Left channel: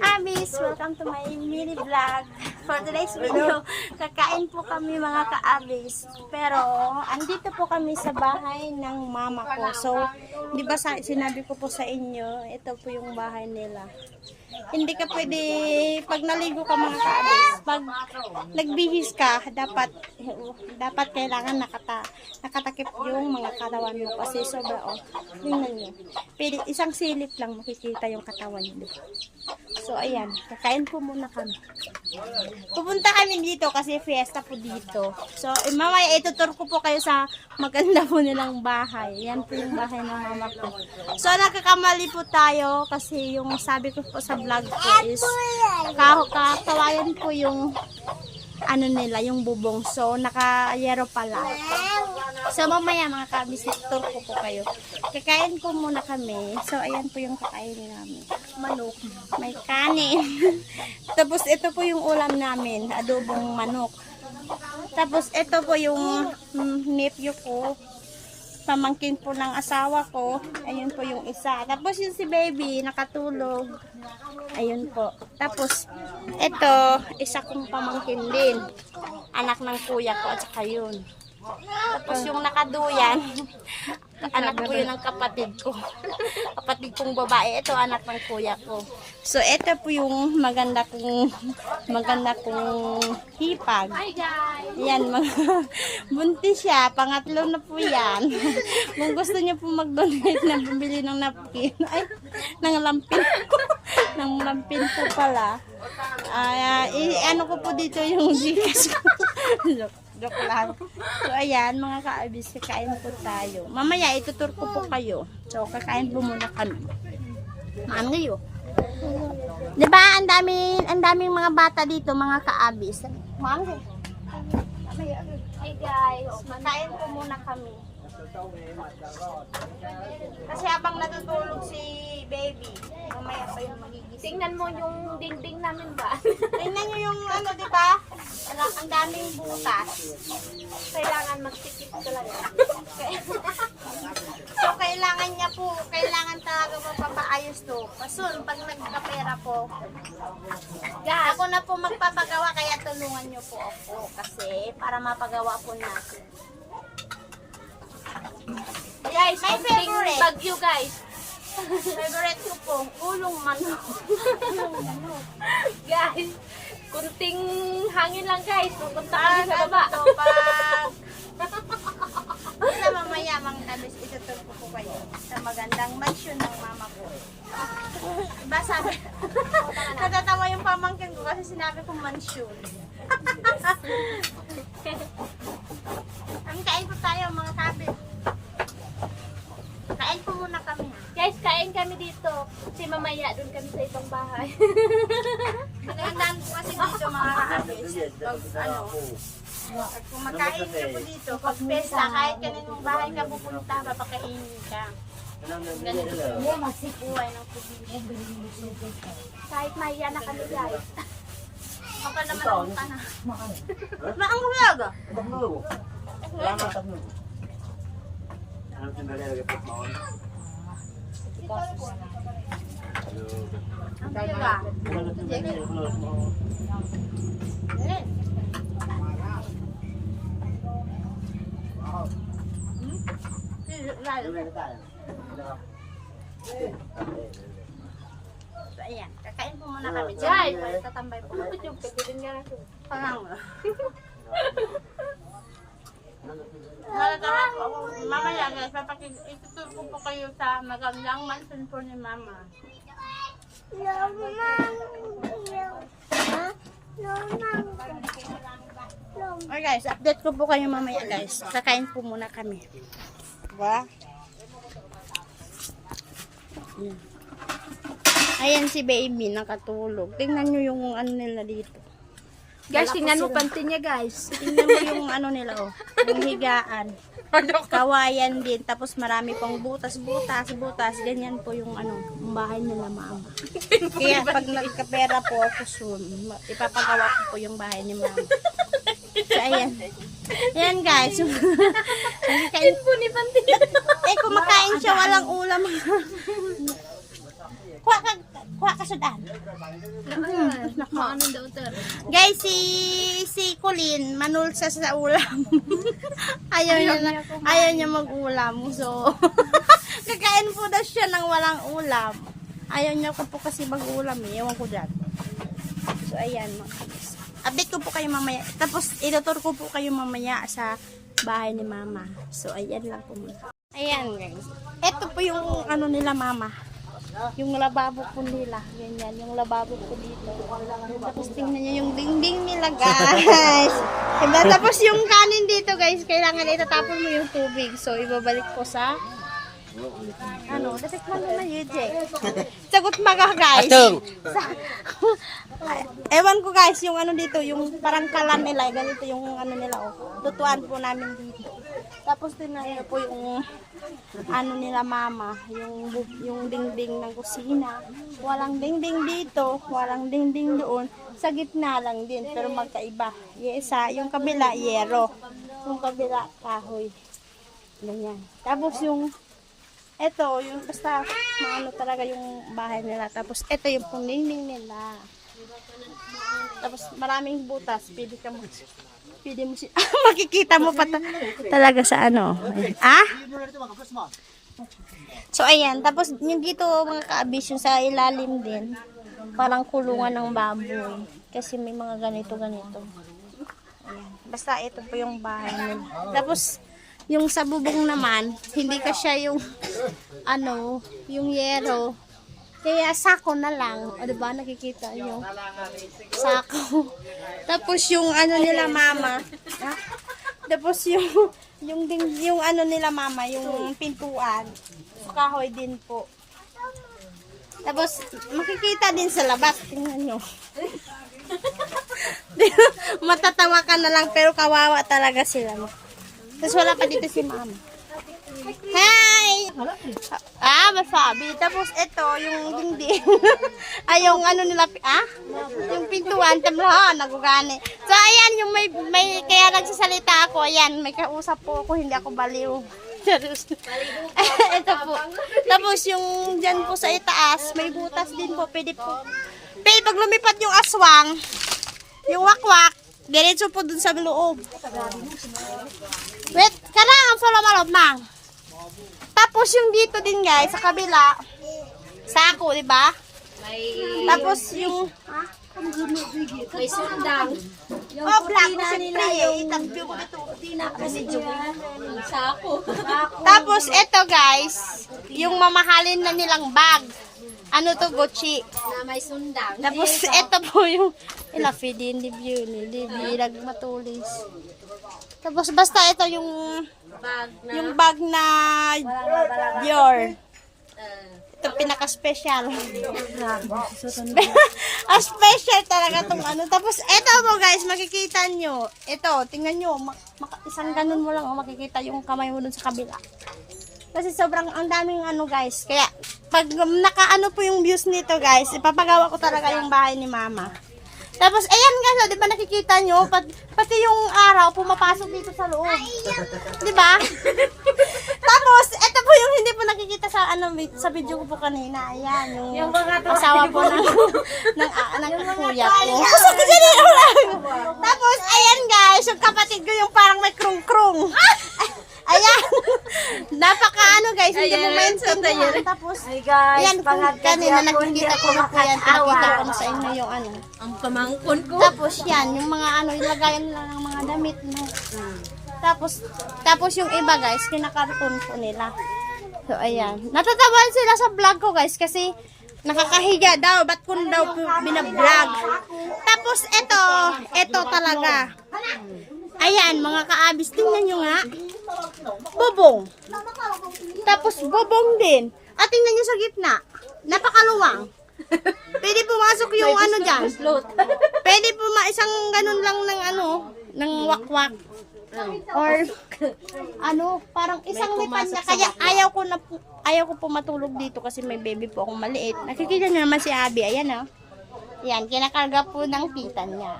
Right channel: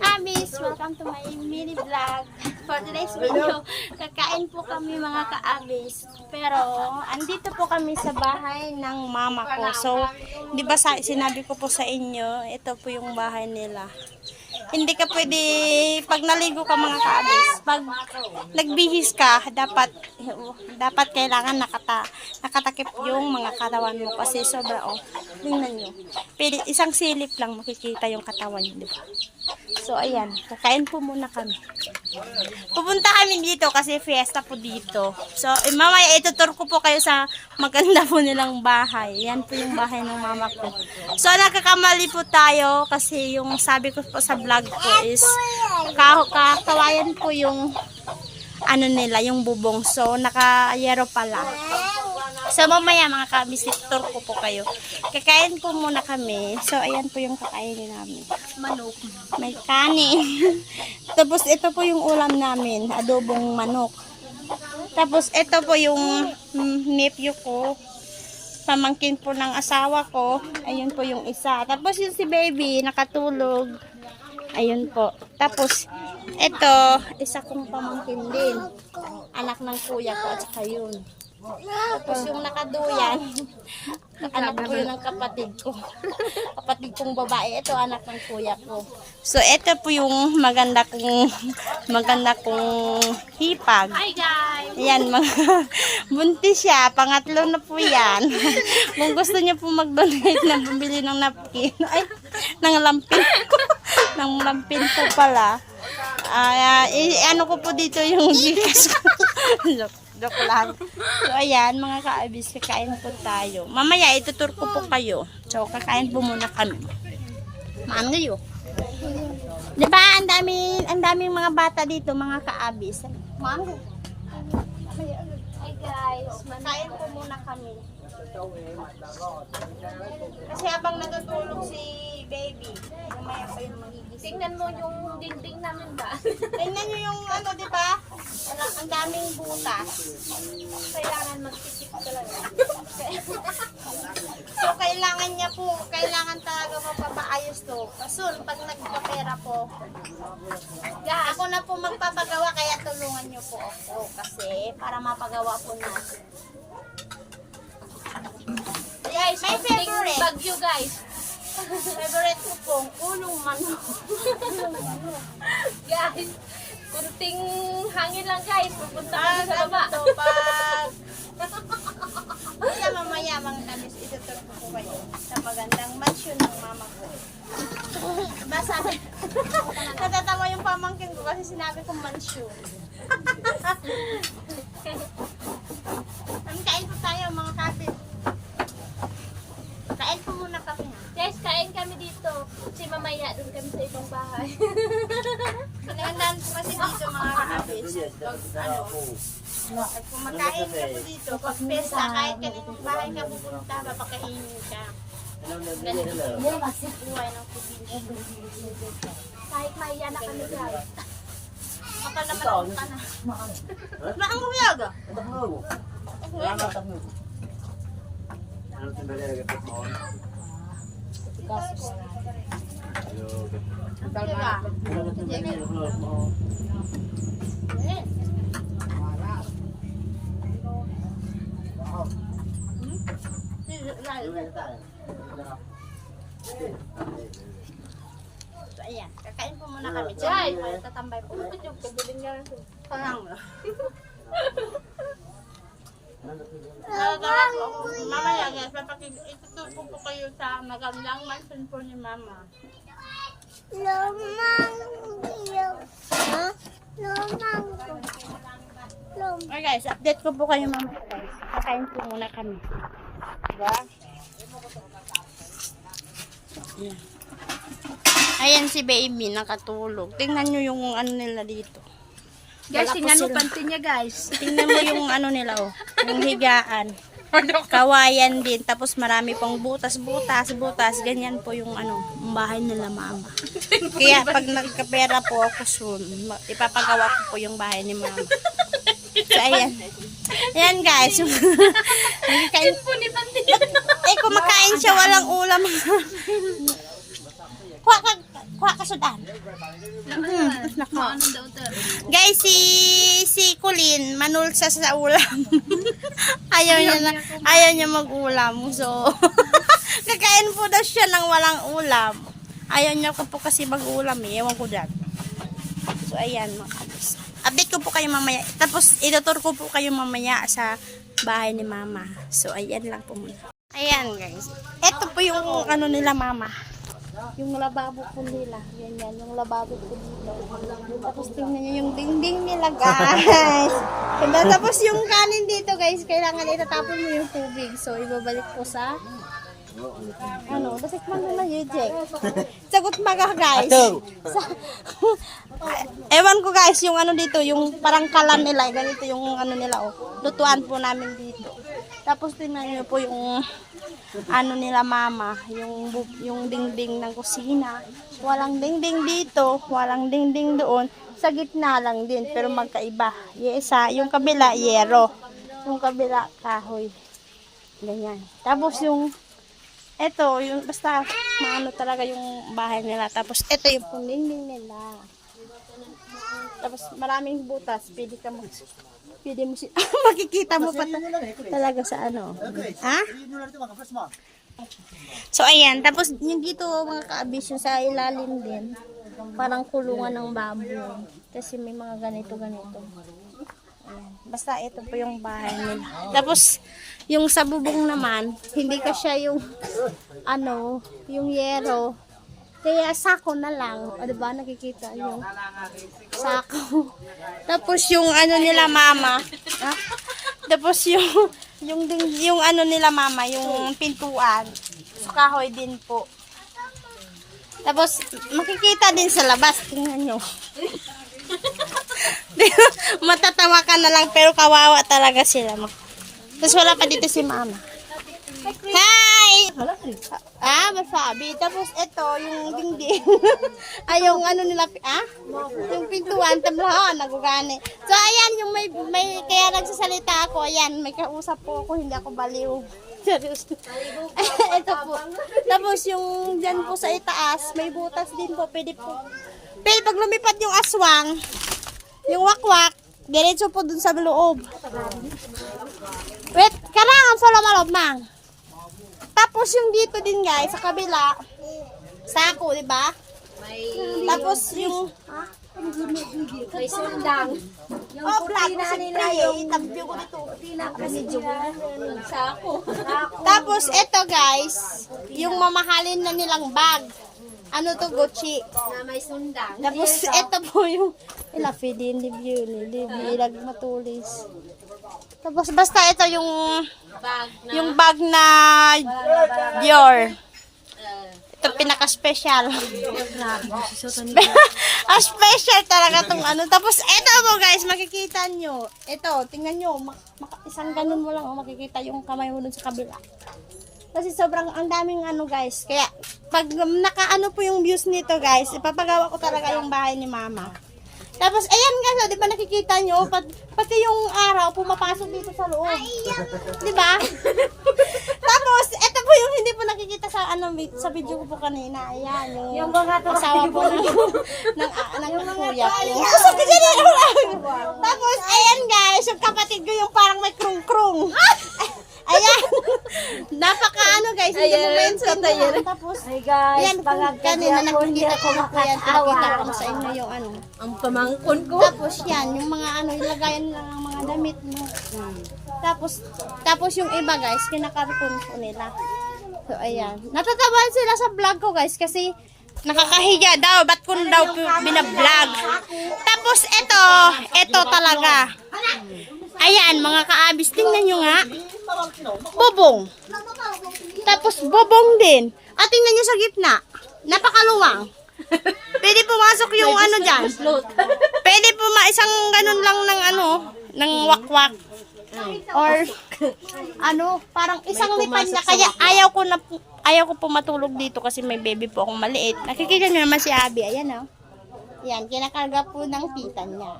Abis, welcome to my mini vlog. For today's video, kakain po kami mga ka-abis. Pero, andito po kami sa bahay ng mama ko. So, di ba sinabi ko po sa inyo, ito po yung bahay nila. Hindi ka pwede, pag naligo ka mga ka-abis, pag nagbihis ka, dapat, dapat kailangan nakata, nakatakip yung mga katawan mo kasi sobra, oh, tingnan nyo. Pwede, isang silip lang makikita yung katawan di ba? So, ayan. Kakain po muna kami. Pupunta kami dito kasi fiesta po dito. So, eh, mamaya itutur ko po kayo sa maganda po nilang bahay. Yan po yung bahay ng mama ko. So, nagkakamali po tayo kasi yung sabi ko po sa vlog ko is ka kakawayan po yung ano nila, yung bubong. So, naka-yero pala. So, mamaya mga kabisitor ko po kayo. Kakain po muna kami. So, ayan po yung kakainin namin. Manok. May kanin. Tapos, ito po yung ulam namin. Adobong manok. Tapos, ito po yung mm, nephew ko. Pamangkin po ng asawa ko. Ayun po yung isa. Tapos, yung si baby, nakatulog. Ayun po. Tapos, ito, isa kong pamangkin din. Anak ng kuya ko at saka yun. Tapos yung nakaduyan, anak po yun ng kapatid ko. kapatid kong babae, ito anak ng kuya ko. So, ito po yung maganda kong, maganda kong hipag. Hi guys! Yan, mga, buntis siya. Pangatlo na po yan. Kung gusto niyo po mag-donate na bumili ng napkin, ay, ng lampin ko. ng lampin ko pala. Ah, i- ano ko po dito yung Gcash ko. Joke, lang. So, ayan, mga kaabis, kakain po tayo. Mamaya, itutur ko po kayo. So, kakain po muna kami. Maan ngayon. Di ba, ang daming, ang daming mga bata dito, mga kaabis. Maan ngayon. Hi guys, makain po muna kami. Kasi habang natutulog si baby, mamaya pa yung magigising. Tingnan mo yung dingding namin ba? Tingnan nyo yung ano, di ba? Ang ang daming butas. Kailangan magtikip talaga. So, kailangan niya po, kailangan talaga mapapaayos to. Pasun, pag nagkapera po, ako na po magpapagawa, kaya tulungan niyo po ako. Kasi, para mapagawa po natin. Guys, My favorite. bagyo guys. Favorite ko po, ulong manok. Guys, kunting hangin lang guys. Pupunta kami sa ano baba. Basta mamaya, mga tabis, itutur ko po kayo sa magandang mansion ng mama ko. Sabi, natatawa yung pamangkin ko kasi sinabi kong mansion. Kami kain po tayo mga kabit. Kain po muna kami ha. Guys, kain kami dito. Kasi mamaya doon kami sa ibang bahay. Pinagandaan po kasi dito mga kabit. Pag ano, pag kumakain ka po dito, pag pesta, kahit kaninong bahay ka pupunta, papakainin ka. Buhay ng probinsya. Kahit maya na kami guys. Kapal naman ang mukha na. Maang hulaga. Diba? So, ayan. Kakain po muna kami. Guys! Diyan, tatambay po. Ano yung pagdating niya na to? Parang. Natatawa po ako. Mamaya guys, ko po kayo sa magandang mansion po ni mama. Okay guys, update ko po kayo mamaya guys. Kakain po muna kami. Diba? Ayan si baby, nakatulog. Tingnan nyo yung ano nila dito. Guys, Wala tingnan mo panty niya guys. Tingnan mo yung ano nila oh, yung higaan. Kawayan din, tapos marami pang butas, butas, butas. Ganyan po yung ano, yung bahay nila mama. Kaya pag nagkapera po ako soon, ipapagawa ko po yung bahay ni mama. So, ayan. Ayan guys. Kumakain, Po ni panty. eh, kumakain siya, walang ulam. kuha ka, kuha ka nakasudan. Hmm, nako. Guys, si si Colin, manulsa sa ulam. ayaw niya na, ayaw niya mag-ulam. So, kakain po daw siya ng walang ulam. Ayaw niya ko po kasi mag-ulam eh. Ewan ko dyan. So, ayan mga kabis. Update ko po kayo mamaya. Tapos, itutur ko po kayo mamaya sa bahay ni mama. So, ayan lang po muna. Ayan guys. Ito po yung ano nila mama. Yung lababo po nila. Ganyan, yung lababo po dito. Tapos tingnan nyo yung dingding nila guys. diba? Tapos yung kanin dito guys, kailangan itatapon mo yung tubig. So, ibabalik po sa ano, dasit man na yun, Sagot maga guys. Sa, ewan ko guys, yung ano dito, yung parang kalan nila, ganito yung ano nila, oh. Lutuan po namin dito. Tapos tingnan niyo po yung ano nila mama, yung yung dingding ng kusina. Walang dingding dito, walang dingding doon. Sa gitna lang din, pero magkaiba. Yung isa, yung kabila, yero. Yung kabila, kahoy. Ganyan. Tapos yung eto, yung basta maano talaga yung bahay nila. Tapos eto yung pundingding nila. Tapos maraming butas, pwede ka mag pwede mo si makikita mo pa ta- talaga sa ano. Ah? So ayan, tapos yung dito mga kaabis yung sa ilalim din, parang kulungan ng baboy. Kasi may mga ganito ganito. Ayan. Basta ito po yung bahay nila. Tapos yung sa bubong naman, hindi ka siya yung ano, yung yero. Kaya sako na lang. O diba, nakikita nyo. Sako. Tapos yung ano nila mama. Ha? Tapos yung yung ding, yung ano nila mama, yung pintuan. Sa kahoy din po. Tapos makikita din sa labas, tingnan nyo. Matatawa ka na lang pero kawawa talaga sila. Tapos wala pa dito si mama. Ah, masabi. Tapos ito, yung dingding. Ay, yung ano nila, ah? Yung pintuan, tabla, nagugani. So, ayan, yung may, may, kaya nagsasalita ako, ayan, may kausap po ako, hindi ako baliw. Ito po. Tapos yung dyan po sa itaas, may butas din po, pwede po. Pero pag lumipad yung aswang, yung wakwak, diretso po dun sa loob. Wait, kailangan follow malog, mang. Tapos yung dito din guys, sa kabila, sako, di ba? Tapos yung, ha? May sundang. oh, black ko siyempre eh. Tagbyo ko dito. Kasi Sako. Tapos ito guys, yung mamahalin na nilang bag. Ano to, Gucci. Na may sundang. Tapos ito po yung ila feeding di view ni Libi matulis. Tapos basta ito yung Bag na. yung bag na Dior. Ito pinaka-special. Ang special talaga tong ano. Tapos ito mo guys, makikita nyo. Ito, tingnan nyo. Isang ganun mo lang, oh, makikita yung kamay mo dun sa kabila. Kasi sobrang ang daming ano guys. Kaya pag nakaano po yung views nito guys, ipapagawa ko talaga yung bahay ni mama. Tapos, ayan guys, oh, di ba nakikita nyo? Pat, pati yung araw pumapasok dito sa loob. Di ba? Tapos, ito po yung hindi po nakikita sa ano sa video ko po kanina. Ayan, yung, yung asawa po ng, ng, ah, ng, ng kuya ko. Tapos, ayan guys, yung kapatid ko yung parang may krung-krung. Ayan. Napaka ano guys, hindi mo maintindihan. Tapos, Ay guys, ayan po, kanina nakikita ko na yan. Ko na sa inyo yung ano. Ang pamangkon ko. Tapos yan, yung mga ano, ilagayan nila ng mga damit mo. Tapos, tapos yung iba guys, kinakarton po nila. So, ayan. Natatawahan sila sa vlog ko guys kasi nakakahiya daw. Ba't ko daw pi- binablog? Tapos ito, ito talaga. Ayan, mga kaabis, tingnan nyo nga. Bubong. Tapos bubong din. At tingnan nyo sa gitna. Napakaluwang. Pwede pumasok yung ano dyan. Pwede po ma isang ganun lang ng ano, ng wakwak. Or ano, parang isang lipad na kaya ayaw ko na ayaw ko po matulog dito kasi may baby po akong maliit. Nakikita niyo naman si Abby, ayan oh. Yan, kinakarga po ng tita niya.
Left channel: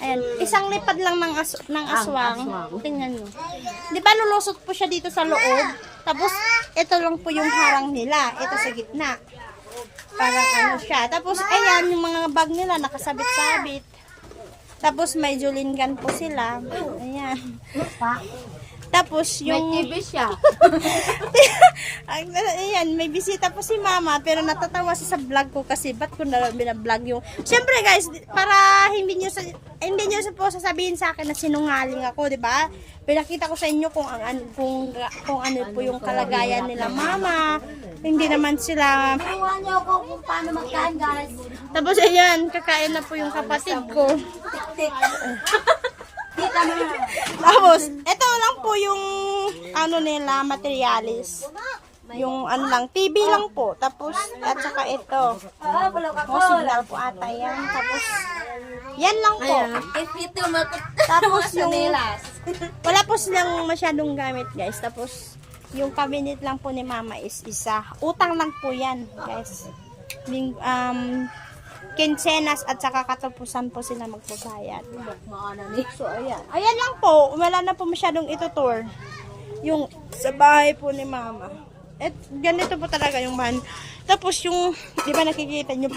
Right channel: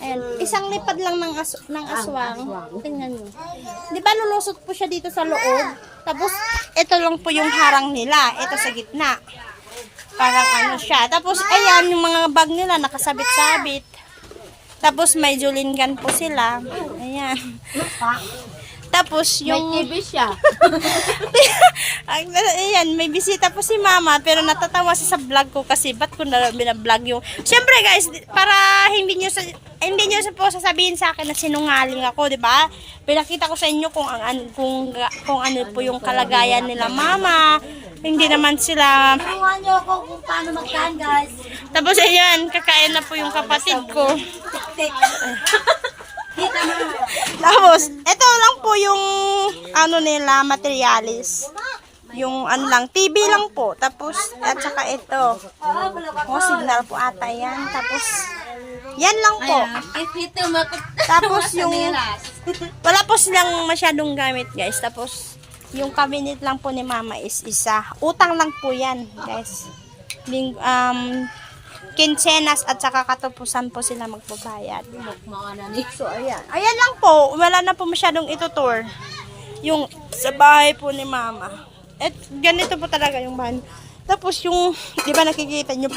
Ayan, isang lipad lang ng, as ng aswang. Tingnan nyo. Di ba lulusot po siya dito sa loob? Tapos, ito lang po yung harang nila. Ito sa gitna. Parang ano siya. Tapos, ayan, yung mga bag nila nakasabit-sabit. Tapos, may Julin gun po sila. Ayan. Tapos, yung... TV siya. Ang, ayan, may bisita po si mama, pero natatawa siya sa vlog ko kasi ba't ko na binablog yung... Siyempre guys, para hindi nyo, sa, hindi nyo sa po sasabihin sa akin na sinungaling ako, di ba? Pinakita ko sa inyo kung, ang, an- kung, kung ano po yung kalagayan nila mama. Hindi naman sila... Turuan niyo ako kung paano magkaan, guys. Tapos ayan, kakain na po yung kapatid ko. Tik. Tapos, ito lang po yung ano nila, materialis. Yung ano lang, TV lang po. Tapos, at saka ito. Oh, signal po ata yan. Tapos, yan lang po. Tapos yung, wala po silang masyadong gamit guys. Tapos, yung cabinet lang po ni mama is isa. Utang lang po yan guys. Um, kinsenas at saka katupusan po sila magbabayad. So, ayan. Ayan lang po. Wala na po masyadong itutour. Yung sa bahay po ni mama. At ganito po talaga yung bahan. Tapos yung, di ba nakikita nyo,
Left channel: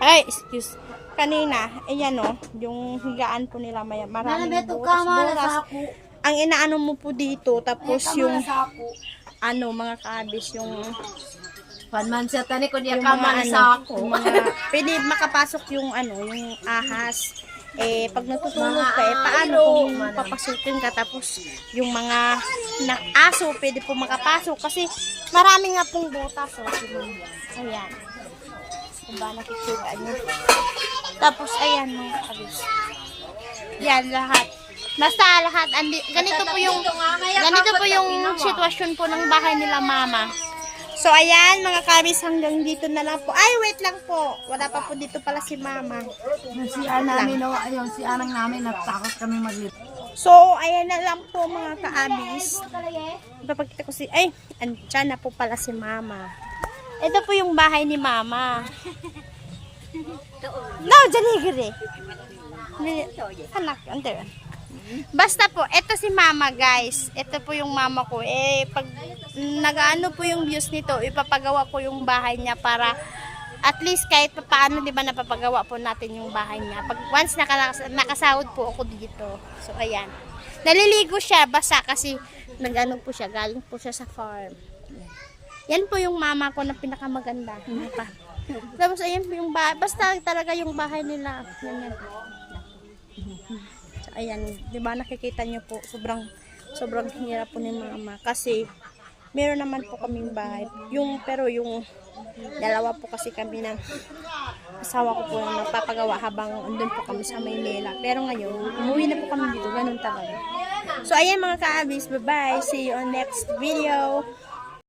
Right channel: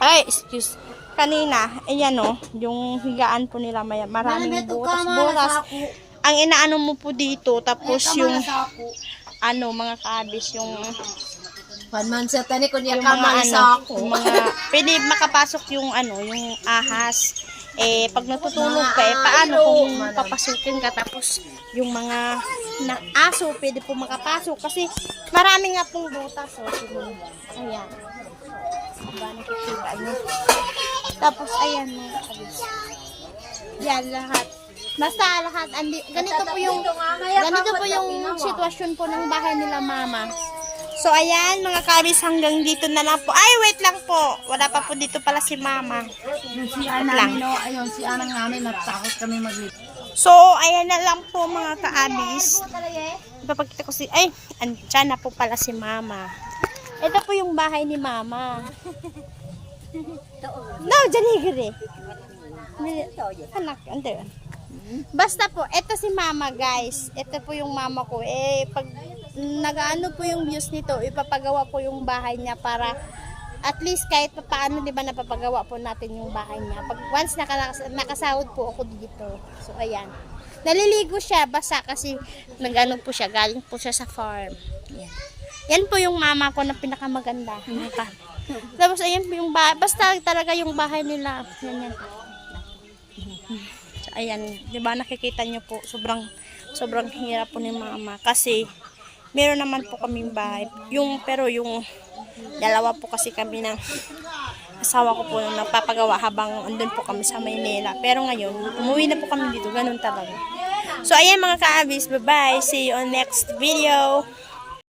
ay, excuse, kanina, ayan o, yung higaan po nila, may maraming butas-butas. Ang inaano mo po dito, tapos yung, ano, mga kabis, yung, Panman siya tani ko niya yung mga ano, sa ako. yung mga, pwede makapasok yung ano, yung ahas. Eh, pag natutulog ka, eh, paano kung papasukin ka, tapos yung mga na aso, pwede po makapasok. Kasi marami nga pong butas, oh. Tingnan mo. Ayan. Diba, nakikita nyo. Tapos, ayan mga kabis. Yan, lahat. Basta lahat, andi, ganito po yung, ganito po yung sitwasyon po ng bahay nila mama. So, ayan, mga kabis, hanggang dito na lang po. Ay, wait lang po. Wala pa po dito pala si mama. Si namin, no, ayun, si anang namin, nagtakot kami mag So, ayan na lang po, mga kaabis. Ipapakita ko si, ay, andyan na po pala si mama. Ito po yung bahay ni mama. No, janigiri. Anak, under. Basta po, ito si mama guys. Ito po yung mama ko. Eh, pag nagaano po yung views nito, ipapagawa ko yung bahay niya para at least kahit pa paano, di ba, napapagawa po natin yung bahay niya. Pag once naka, nakasahod po ako dito. So, ayan. Naliligo siya, basa kasi nagano po siya, galing po siya sa farm. Yan. Yan po yung mama ko na pinakamaganda. Pa. Tapos, ayan po yung bahay. Basta talaga yung bahay nila. Yan, yan. So, ayan, 'di ba nakikita niyo po, sobrang sobrang hirap po ni mama kasi meron naman po kaming bahay. Yung pero yung dalawa po kasi kami ng asawa ko po na napapagawa habang andun po kami sa Maynila. Pero ngayon, umuwi na po kami dito, ganun talaga. So ayan mga kaabis, bye-bye. See you on next video.